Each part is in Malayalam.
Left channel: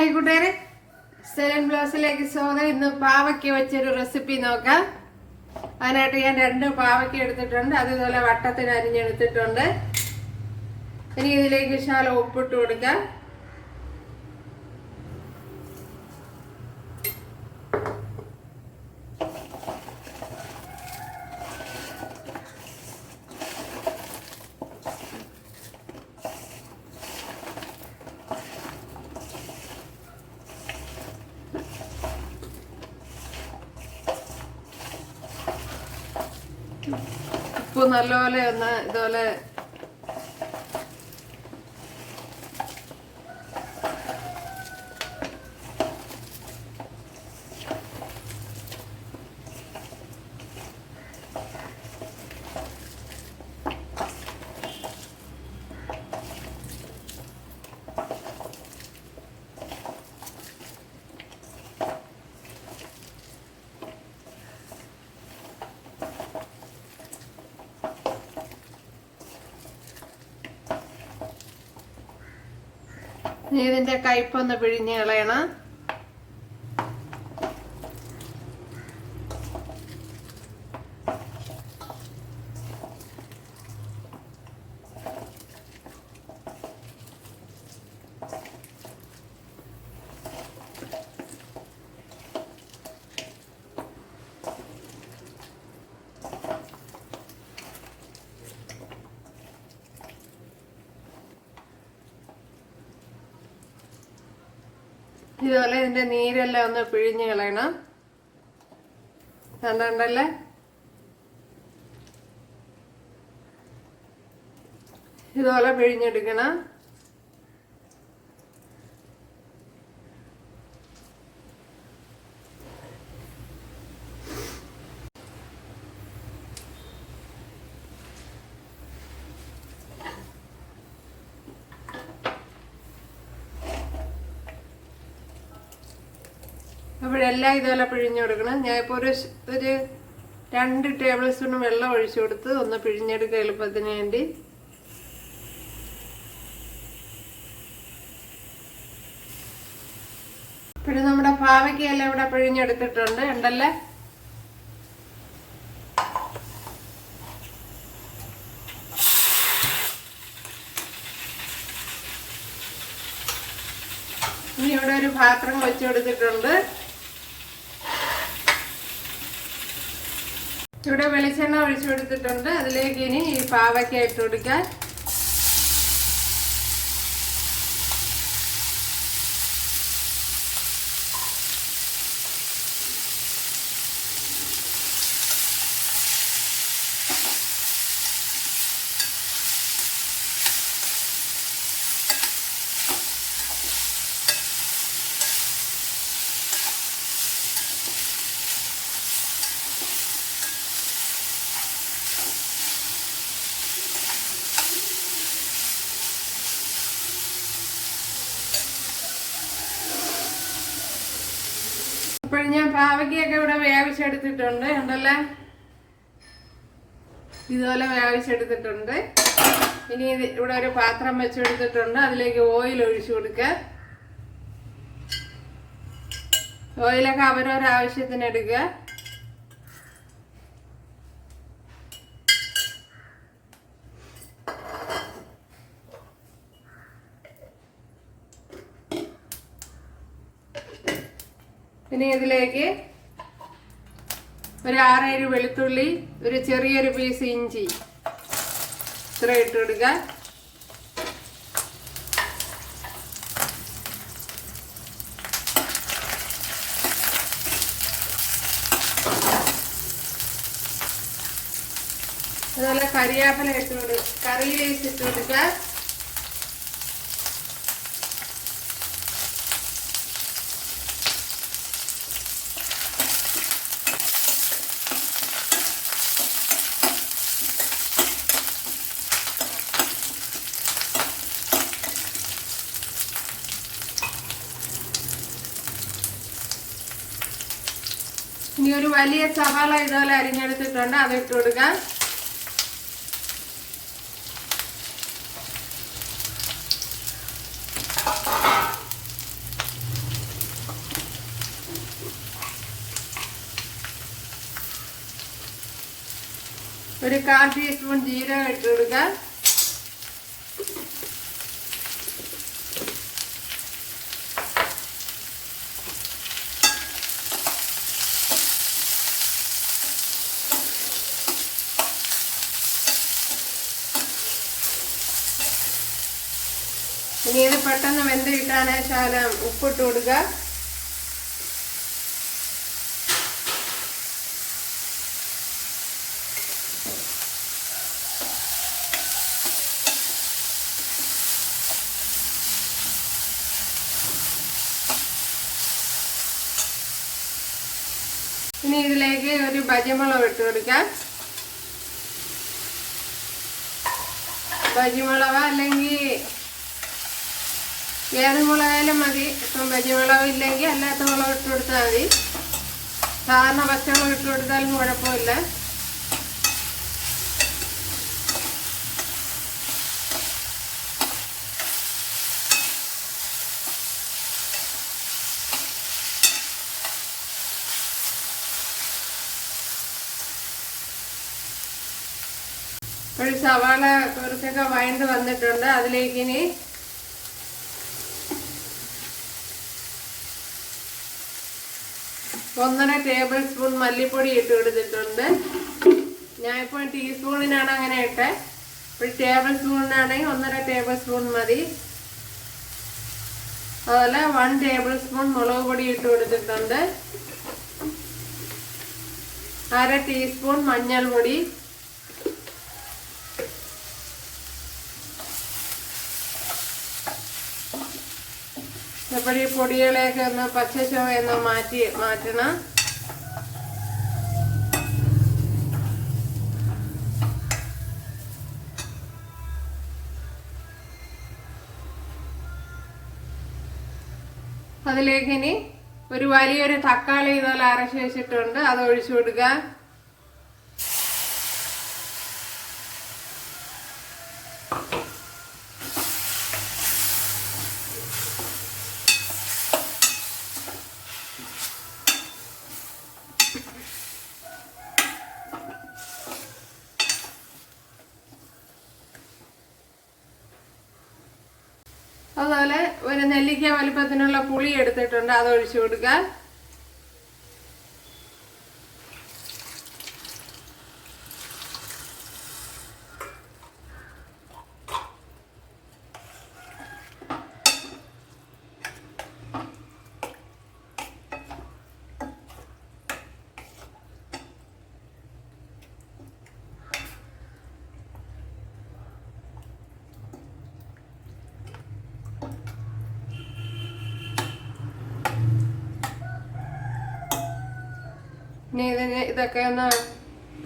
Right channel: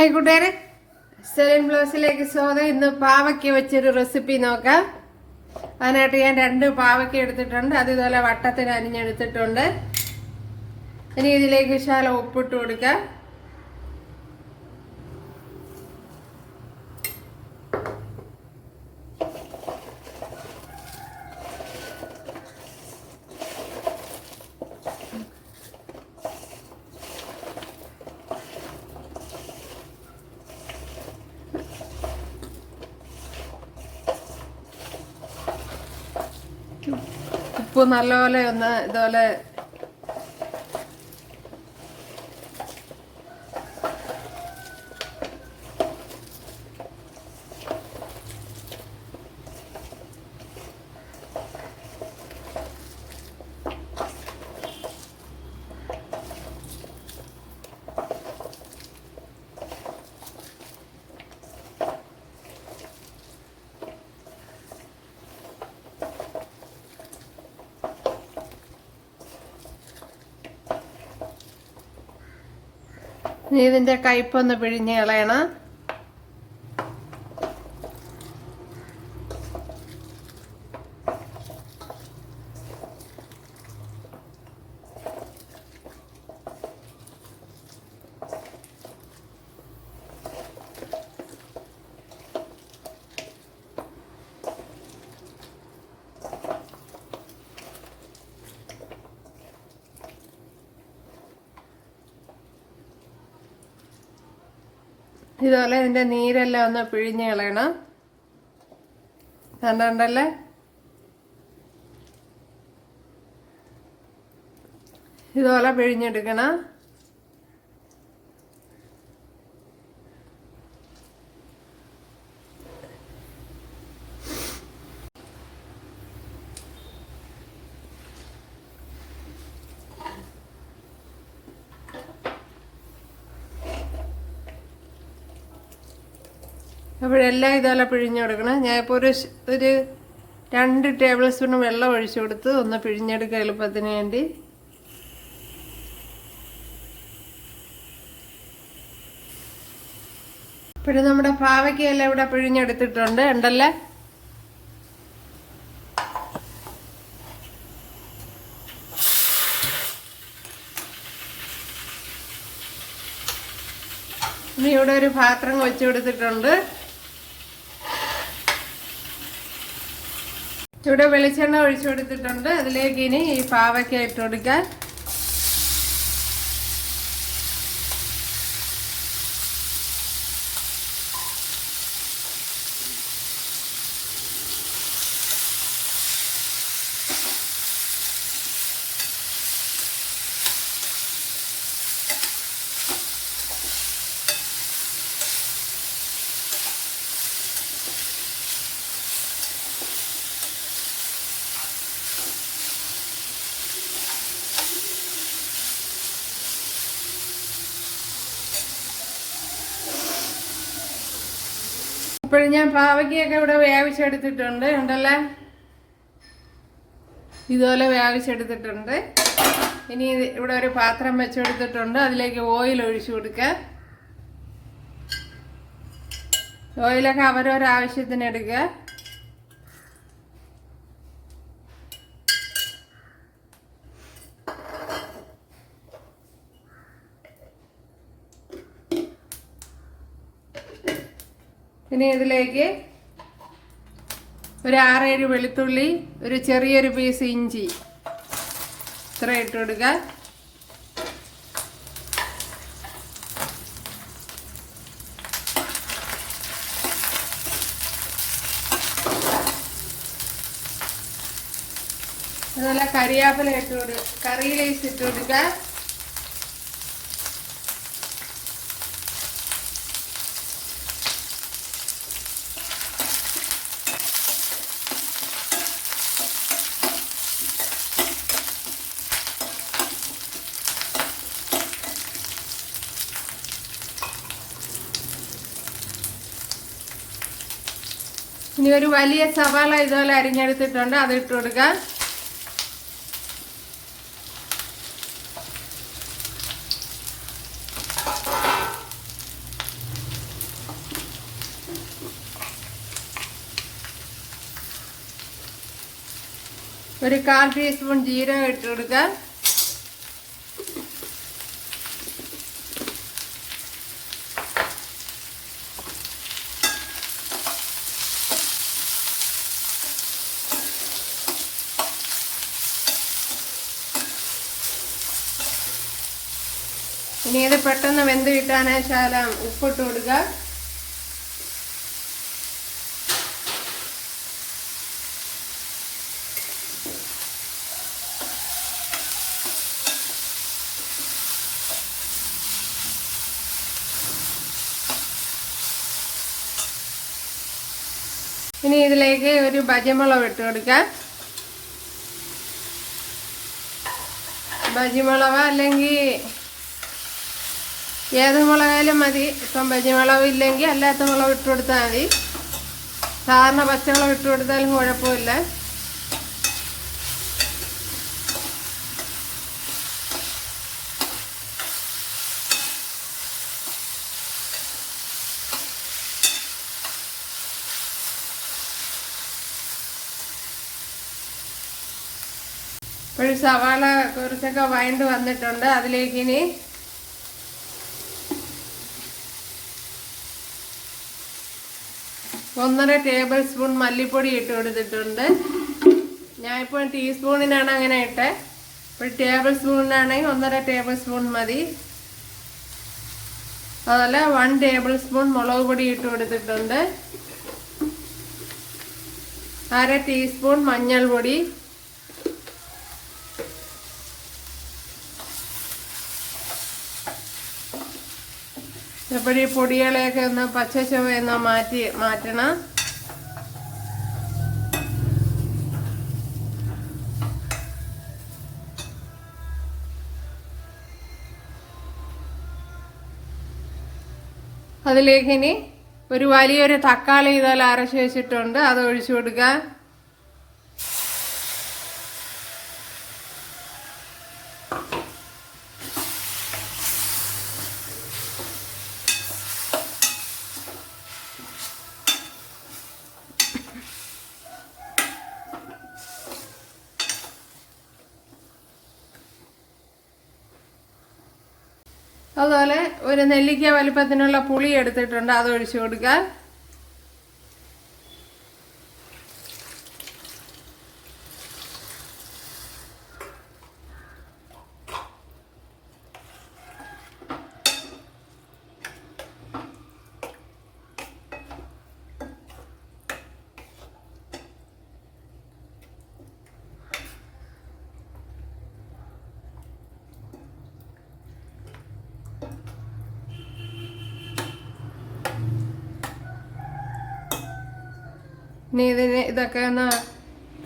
ഹായ് കൂട്ടുകാരെ, സെലിൻ ബ്ലോസിലേക്ക് സ്വാഗതം. ഇന്ന് പാവയ്ക്ക വെച്ചൊരു റെസിപ്പി നോക്കാം. അതിനായിട്ട് ഞാൻ 2 പാവയ്ക്ക എടുത്തിട്ടുണ്ട്. അതുപോലെ വട്ടത്തിന് അരിഞ്ഞെടുത്തിട്ടുണ്ട്. ഇനി ഇതിലേക്ക് ശകലം ഉപ്പിട്ട് കൊടുക്കാം. ഉപ്പ് നല്ലപോലെ ഒന്ന് ഇതുപോലെ ഇതിന്റെ കയ്പൊന്ന് പിഴിഞ്ഞ് കളയണം. ഇതുപോലെ ഇതിന്റെ നീരെല്ലാം ഒന്ന് പിഴിഞ്ഞ് കളയണം. കണ്ടല്ലേ, ഇതുപോലെ പിഴിഞ്ഞെടുക്കണം. അപ്പോഴെല്ലാം ഇതുപോലെ പിഴിഞ്ഞു കൊടുക്കണം. ഞാൻ ഇപ്പോൾ ഒരു 2 ടേബിൾ സ്പൂൺ വെള്ളം ഒഴിച്ചു കൊടുത്ത് ഒന്ന് പിഴിഞ്ഞെടുക്കുക എളുപ്പത്തിന് വേണ്ടി. പിന്നെ നമ്മുടെ പാവയ്ക്കയെല്ലാം ഇവിടെ പിഴിഞ്ഞെടുത്തിട്ടുണ്ട് ഉണ്ടല്ലേ. ഇനി ഇവിടെ ഒരു പാത്രം വെച്ച് കൊടുത്തിട്ടുണ്ട്. ഇവിടെ വെളിച്ചെണ്ണ ഒഴിച്ചു കൊടുത്തിട്ടുണ്ട്. അതിലേക്ക് ഇനി ഈ പാവയ്ക്ക ഇട്ട് കൊടുക്കാൻ. ഇപ്പോഴും ഞാൻ പാവയ്ക്കൊക്കെ ഇവിടെ വേവിച്ചെടുത്തിട്ടുണ്ട് ഉണ്ടല്ലേ. ഇതുപോലെ വേവിച്ചെടുത്തിട്ടുണ്ട്. ഇനി ഇവിടെ ഒരു പാത്രം വെച്ചെടുത്തിട്ടുണ്ട്. അതിലേക്ക് ഓയിൽ ഒഴിച്ചു കൊടുക്കുക. ഓയിലൊക്കെ അവരവരാവശ്യത്തിന് എടുക്കുക. ഇനി ഇതിലേക്ക് ഒരു 6-7 വെളുത്തുള്ളി, ഒരു ചെറിയൊരു പീസ് ഇഞ്ചി ഇത്ര ഇട്ട് കൊടുക്കുക. അതുപോലെ കരിവേപ്പില ഇട്ട് കൊടുക്കുക, കറി ലീവ്സ് ഇട്ട് കൊടുക്കുക. ഇനി ഒരു വലിയ സവാള ഇതുപോലെ അരിഞ്ഞെടുത്തിട്ടുണ്ട്, അത് ഇട്ട് കൊടുക്കാം. ഒരു 1/4 ടീസ്പൂൺ ജീരകം ഇട്ട് കൊടുക്കുക. ഇനി ഇത് പെട്ടെന്ന് വെന്ത് കിട്ടാനായി ശകലം ഉപ്പിട്ട് കൊടുക്കുക. ഇനി ഇതിലേക്ക് ഒരു ബജിമുളക് ഇട്ട് കൊടുക്കാം. ബജിമുളക് അല്ലെങ്കിൽ ഏത് മുളകായാലും മതി. ഇപ്പം ബജിമുളക് ഇല്ലെങ്കിൽ അല്ലാത്ത മുളക് ഇട്ട് കൊടുത്താൽ മതി. സാധാരണ പച്ചമുളക് ഇട്ട് കൊടുത്താലും കുഴപ്പമില്ല. ഒരു സവാള കുറച്ചൊക്കെ വഴണ്ട് വന്നിട്ടുണ്ട്. അതിലേക്ക് ഇനി ഒന്നര ടേബിൾ സ്പൂൺ മല്ലിപ്പൊടി ഇട്ട് കൊടുത്തിട്ടുണ്ട്. ഞാനിപ്പോൾ ടീസ്പൂണിനാണ് അങ്ങനെ ഇട്ടെ. ഒരു ടേബിൾ സ്പൂണിനാണെങ്കിൽ 1.5 ടേബിൾ സ്പൂൺ മതി. അതുപോലെ 1 ടേബിൾ സ്പൂൺ മുളക് പൊടി ഇട്ട് കൊടുത്തിട്ടുണ്ട്. 1/2 ടീസ്പൂൺ മഞ്ഞൾപ്പൊടി, ഇപ്പോൾ ഈ പൊടികളെയൊക്കെ ഒന്ന് പച്ച ചുവയൊന്ന് മാറ്റണം. അതിലേക്ക് ഇനി ഒരു വലിയൊരു തക്കാളി ഇതുപോലെ അരച്ച് വെച്ചിട്ടുണ്ട്, അത് ഒഴിച്ചു കൊടുക്കുക. അതുപോലെ ഒരു നെല്ലിക്ക വലിപ്പത്തിനുള്ള പുളി എടുത്തിട്ടുണ്ട്, അത് ഒഴിച്ചു കൊടുക്കുക. ഇനി ഇതൊക്കെ ഒന്ന്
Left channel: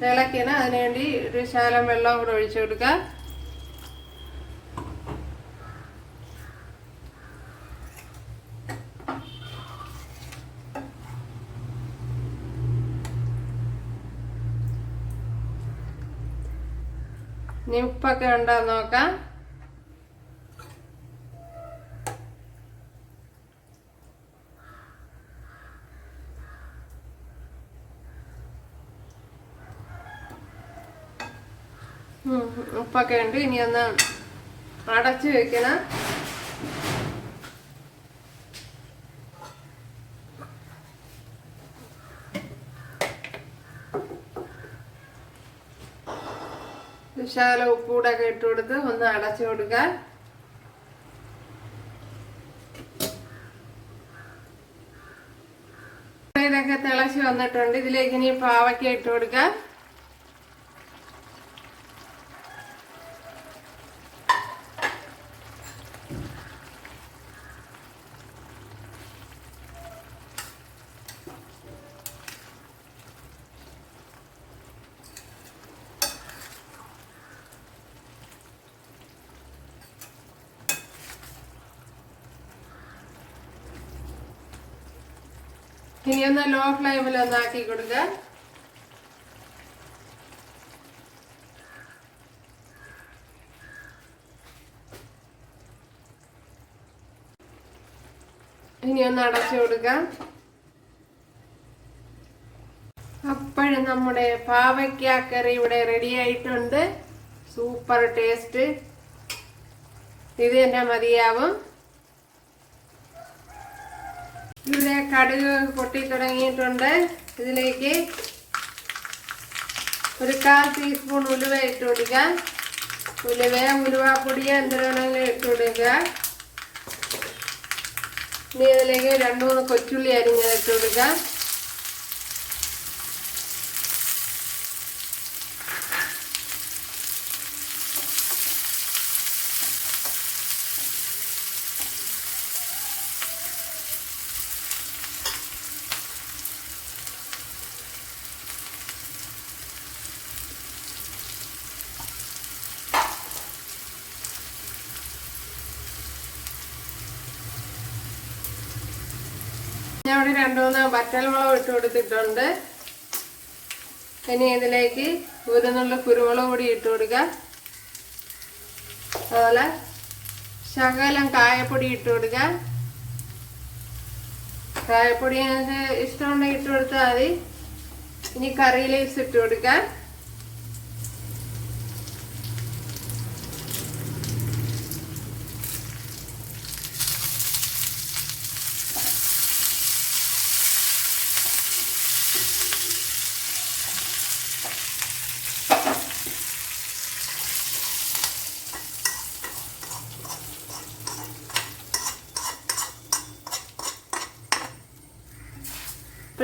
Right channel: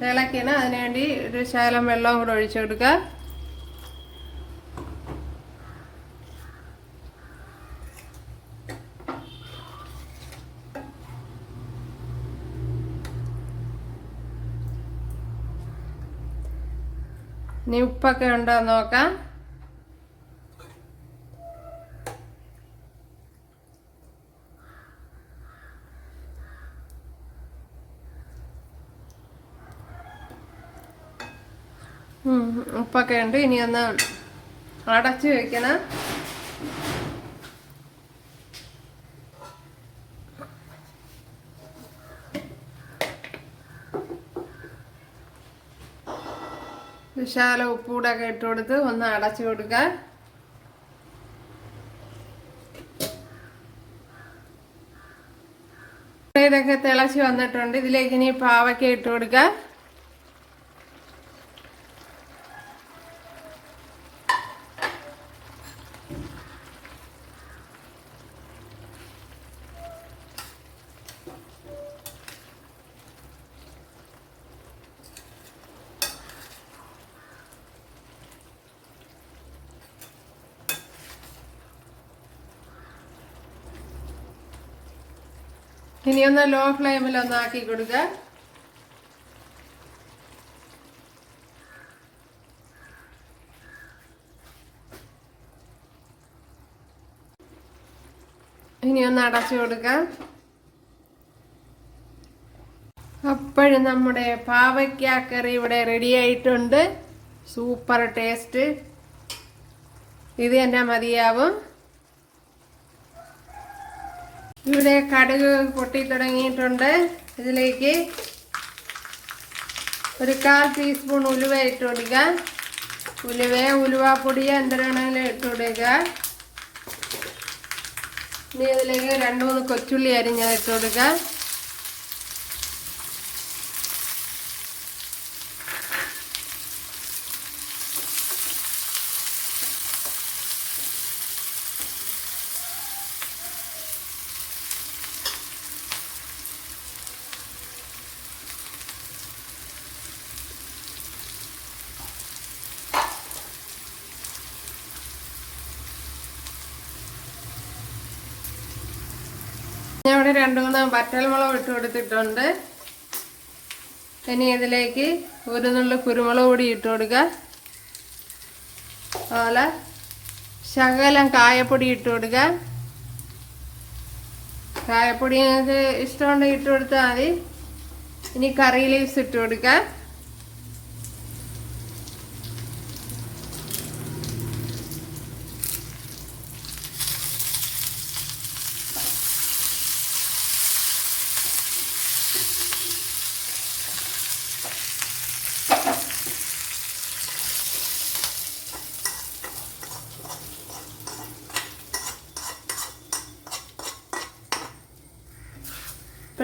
തിളക്കണം. അതിനുവേണ്ടി ഒരു ശകലം വെള്ളം കൂടെ ഒഴിച്ചു കൊടുക്കുക. ഇനി ഉപ്പൊക്കെ ഉണ്ടോ നോക്കാം. ഉപ്പൊക്കെ ഉണ്ട്. ഇനി ഒന്ന് അടച്ചു വെക്കണം. വിശാല ഉപ്പൂടൊക്കെ ഇട്ട് കൊടുത്ത് ഒന്ന് അടച്ചു കൊടുക്കാം. ഇതൊക്കെ തിളച്ച് വന്നിട്ടുണ്ട്. ഇതിലേക്ക് ഇനി പാവയ്ക്ക ഇട്ട് കൊടുക്കാം. ഇനി ഒന്ന് ലോ ഫ്ലെയിമിൽ ഒന്നാക്കി കൊടുക്കുക. ഇനി ഒന്ന് അടച്ചു കൊടുക്കാം. അപ്പോഴും നമ്മുടെ പാവയ്ക്ക കറി ഇവിടെ റെഡി ആയിട്ടുണ്ട്. Super taste. ഇത് തന്നെ മതിയാവും. ഇവിടെ കടുക് പൊട്ടി തുടങ്ങിയിട്ടുണ്ട്. ഇതിലേക്ക് ഒരു 1/4 ടീസ്പൂൺ ഉലുവ ഇട്ട് കൊടുക്കുക. ഉലുവാപ്പൊടി എന്തിനാണെങ്കിലും ഇട്ട് കൊടുക്കുക. ഇനി ഇതിലേക്ക് 2-3 കൊച്ചുള്ളി അരിഞ്ഞത് ഇട്ട് കൊടുക്കുക. ഞാൻ ഇവിടെ 2-3 വറ്റൽമുളക് ഇട്ട് കൊടുത്തിട്ടുണ്ട്. ഇനി ഇതിലേക്ക് ഒരു നുള്ളു കുരുമുളക് പൊടി ഇട്ട് കൊടുക്കുക. അതുപോലെ ശകലം കായപ്പൊടി ഇട്ട് കൊടുക്കുക. കായപ്പൊടി നിങ്ങൾക്ക് ഇഷ്ടമുണ്ടെങ്കിൽ ഇട്ട് കൊടുത്താൽ മതി. ഇനി കറി ലീവ്സ് ഇട്ട് കൊടുക്കുക.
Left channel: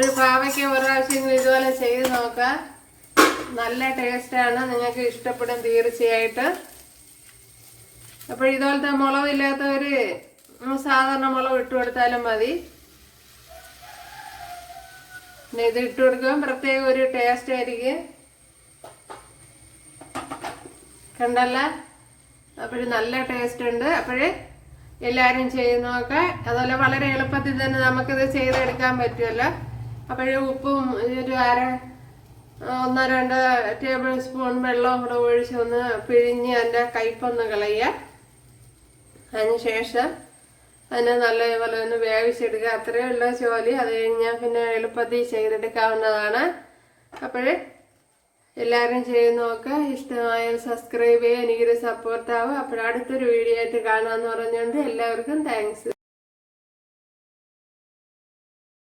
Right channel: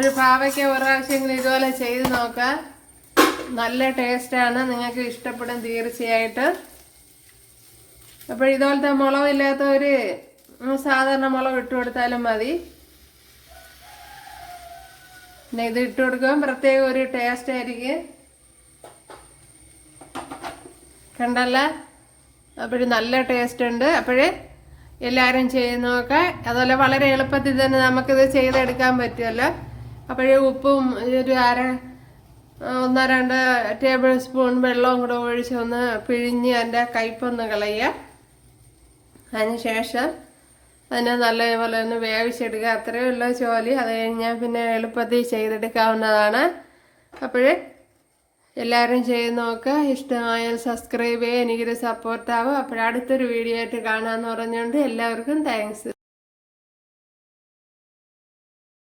ഒരു പാവയ്ക്ക ഒരു പ്രാവശ്യം ഇതുപോലെ ചെയ്ത് നോക്കാം. നല്ല ടേസ്റ്റാണ്. നിങ്ങൾക്ക് ഇഷ്ടപ്പെടും തീർച്ചയായിട്ടും. അപ്പോൾ ഇതുപോലത്തെ മുളകില്ലാത്തവര് സാധാരണ മുളക് ഇട്ട് കൊടുത്താലും മതി. പിന്നെ ഇത് ഇട്ട് കൊടുക്കുമ്പോൾ പ്രത്യേക ഒരു ടേസ്റ്റ് ആയിരിക്കും. കണ്ടല്ല, അപ്പോഴ് നല്ല ടേസ്റ്റ് ഉണ്ട്. അപ്പോഴേ എല്ലാവരും ചെയ്ത് നോക്കാം. അതുപോലെ വളരെ എളുപ്പത്തിൽ തന്നെ നമുക്കിത് ചെയ്തെടുക്കാൻ പറ്റുമല്ലോ. അപ്പോഴേ ഉപ്പും ഒരു 1-2 ടേബിൾ സ്പൂൺ വെള്ളവും കൂടെ ഒഴിച്ച് ഒന്ന് പിഴിഞ്ഞ് അതിൻ്റെ കയ്പൊന്ന് കളയുക. അതിനുശേഷം അതിനെ നല്ലപോലെ ഒന്ന് വേവിച്ചെടുക്കുക. അത്രയേ ഉള്ള ജോലി. അത് കഴിഞ്ഞാൽ പിന്നെ എളുപ്പത്തിൽ ചെയ്തെടുക്കാവുന്നതാണ്. അപ്പോഴേ എല്ലാവരും ചെയ്ത് നോക്കുക. ഇഷ്ടമായാൽ സബ്സ്ക്രൈബ് ചെയ്യുക. എനിക്കൊരു സപ്പോർട്ടാവും. അപ്പോഴടുത്തൊരു വീഡിയോ ആയിട്ട് കാണാമെന്ന് പറഞ്ഞുകൊണ്ട് എല്ലാവർക്കും താങ്ക്സ്.